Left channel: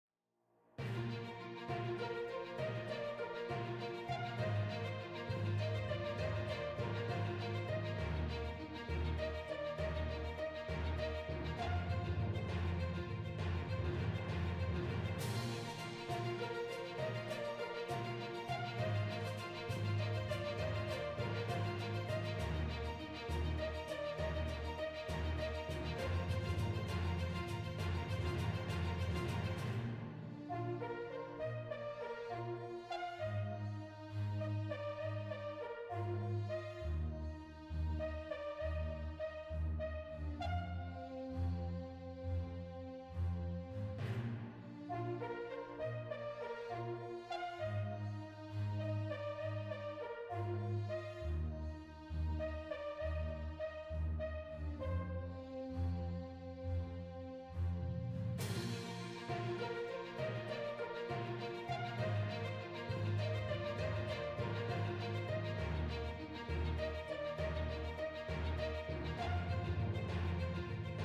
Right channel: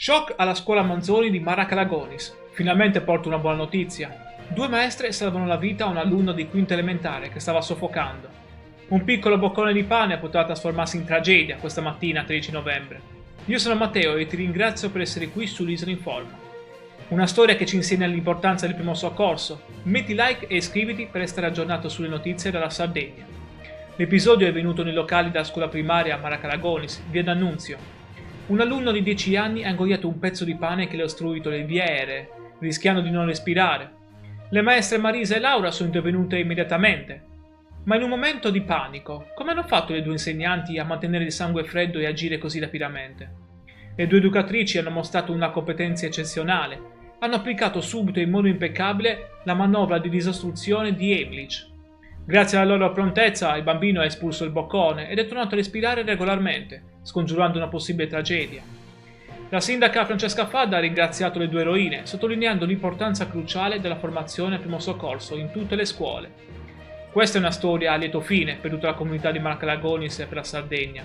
Shock alla scuola Manzoni di Mara Calagonis. Finalmente porto una buona notizia. Due maestre salvano la vita a un alunno di quinta elementare che stava soffocando. Un piccolo boccone di pane poteva trasformarsi in tragedia questa mattina, 13 novembre. Io sono Matteo e ti ringrazio per essere qui sull'Isola in Forma. Una storia che ci insegna l'importanza del primo soccorso. Metti like e iscriviti per restare aggiornato sulle notizie dalla Sardegna. L'episodio è venuto nei locali della scuola primaria Mara Calagonis, via D'Annunzio. Un alunno di 10 anni ha ingoiato un pezzo di pane che le ha ostruito le vie aeree, rischiando di non respirare. Le maestre Marisa e Laura sono intervenute immediatamente. Ma in un momento di panico, come hanno fatto le due insegnanti a mantenere il sangue freddo e agire così rapidamente? Le due educatrici hanno mostrato una competenza eccezionale. Hanno applicato subito in modo impeccabile la manovra di disostruzione di Heimlich. Grazie alla loro prontezza il bambino ha espulso il boccone ed è tornato a respirare regolarmente, scongiurando una possibile tragedia. La sindaca Francesca Fadda ha ringraziato le due eroine, sottolineando l'importanza cruciale della formazione al primo soccorso in tutte le scuole. Questa è una storia a lieto fine per tutta la comunità di Mara Calagonis e per la Sardegna.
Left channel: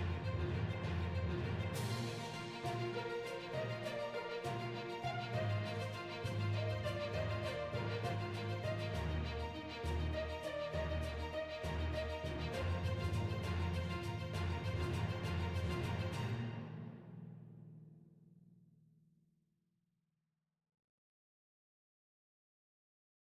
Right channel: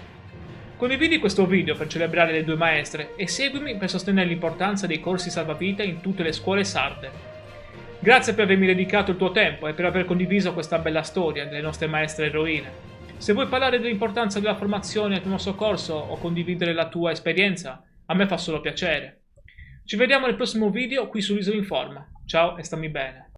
Condividi questo video per celebrare le due maestre e seguimi per sostenere l'importanza dei corsi salvavita in tutte le scuole sarde. Grazie per avermi dedicato il tuo tempo e per aver condiviso questa bella storia delle nostre maestre eroine. Se vuoi parlare dell'importanza della formazione al primo soccorso o condividere la tua esperienza, a me fa solo piacere. Ci vediamo nel prossimo video qui sull'Isola in Forma. Ciao e stammi bene.